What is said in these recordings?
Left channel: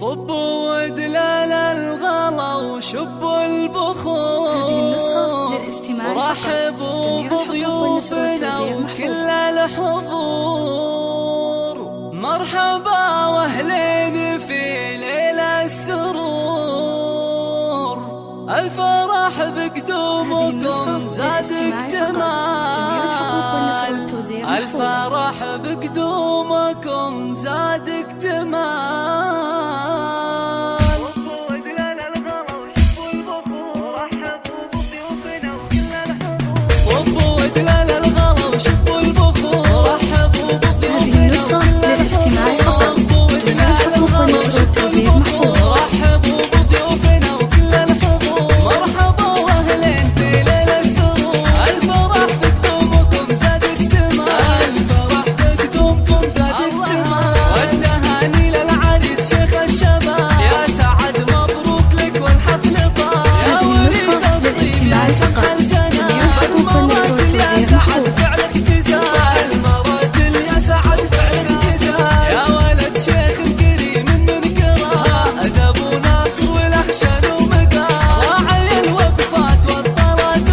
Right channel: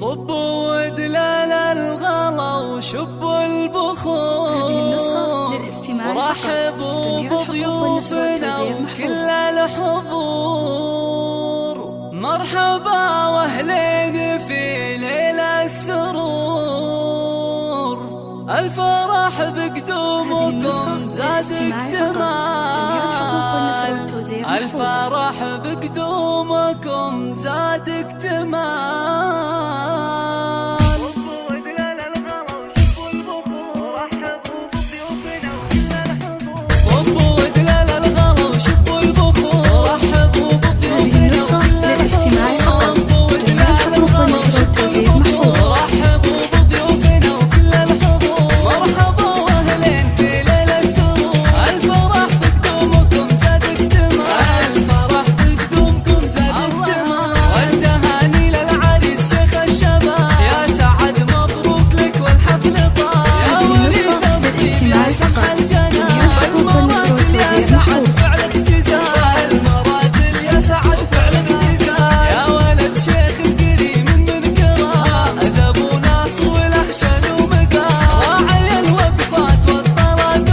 صبوا ودلال الغلا وشبوا البخور. هذه النسخة للاستماع ورحبوا بضيوفنا وكل الحضور. مرحبا واهلين في ليل السرور. الفرح بقدومكم زاد اكتمال. الفرح بقدومكم زاد اكتمال. صبوا ودلال الغلا وشبوا البخور. رحبوا بضيوفنا وكل الحضور. صبوا ودلال الغلا وشبوا البخور. رحبوا بضيوفنا وكل الحضور. صبوا ودلال الغلا وشبوا البخور. رحبوا بضيوفنا وكل الحضور. مرحبا واهلين في ليل السرور. الفرح بقدومكم زاد اكتمال. الفرح بقدومكم زاد اكتمال. والتهاني للعريس شيخ الشباب. يا سعد مبروك لك والحفل طاب. يا وليد الطيب يا سمح الجنان. المراتل يا سعد فعلك جزاء. المراتل يا سعد فعلك جزاء. يا ولد شيخ كريم من كرام. ذا ابو ناصر وله شان ومقام. راعي الوقفات والطلات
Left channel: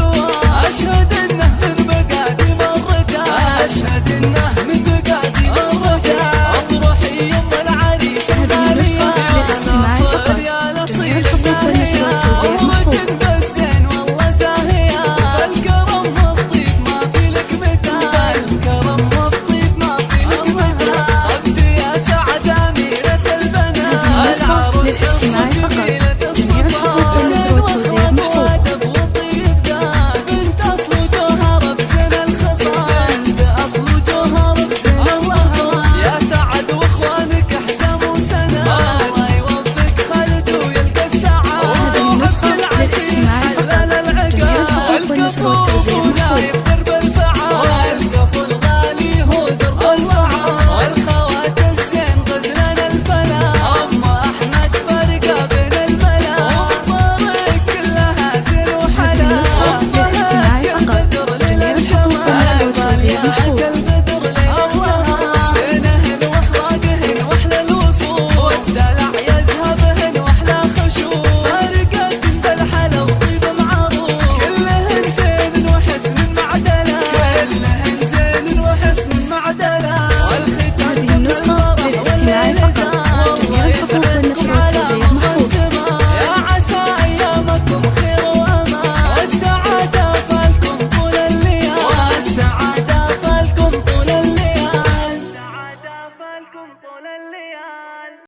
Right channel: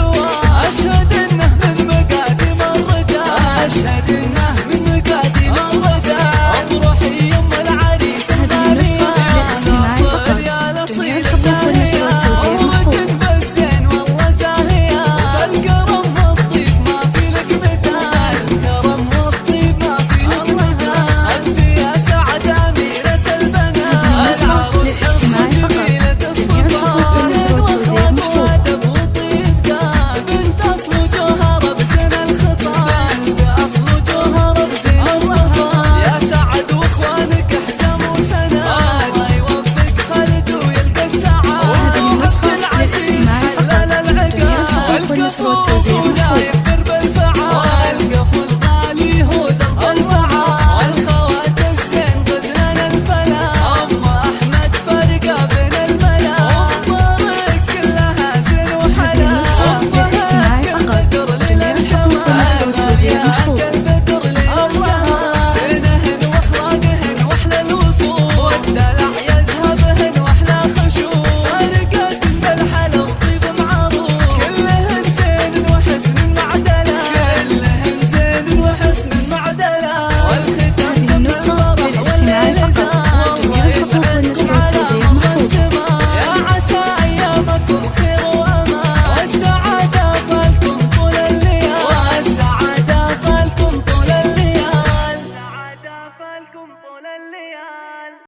أشهد انه من مقادم الرجال. اشهد انه من مقادم الرجال. افرحي يم العريس الغالية. يا ناصر يا الاصيل الثانية. بالزين والله زاهية. بالكرم والطيب ما في لك مثال. الكرم والطيب ما في لك مثال. اختي يا سعد اميرة البنات. العروس حصة جميلة الصفات. زين واخلاق وادب وطيب دان. بنت اصل وجوهر بزين الخصال. بنت اصل وجوهر بزين الخصال. يا سعد واخوانك حزام وسناد. الله يوفق خالد ويلقى السعادة. هذه النسخة للاستماع فقط. جميع الحقوق والنشر والتوزيع محفوظ. درب الفعال. القفل غالي هو درب الفعال. والخوات الزين غزلان الفلا. ام احمد فرقه بين الملا. والطريق كلها زين وحلا. للاستماع فقط. جميع الحقوق والنشر والتوزيع محفوظ. زينهن واخلاقهن واحلى الوصول. والدلع يذهبهن واحلى خشوع. فارقات بالحلا وطيب معروف. كلهن زين وحسن معدلا. كلهن زين وحسن معدلا. والختام هذه النسخة للاستماع فقط. جميع الحقوق والنشر والتوزيع محفوظ.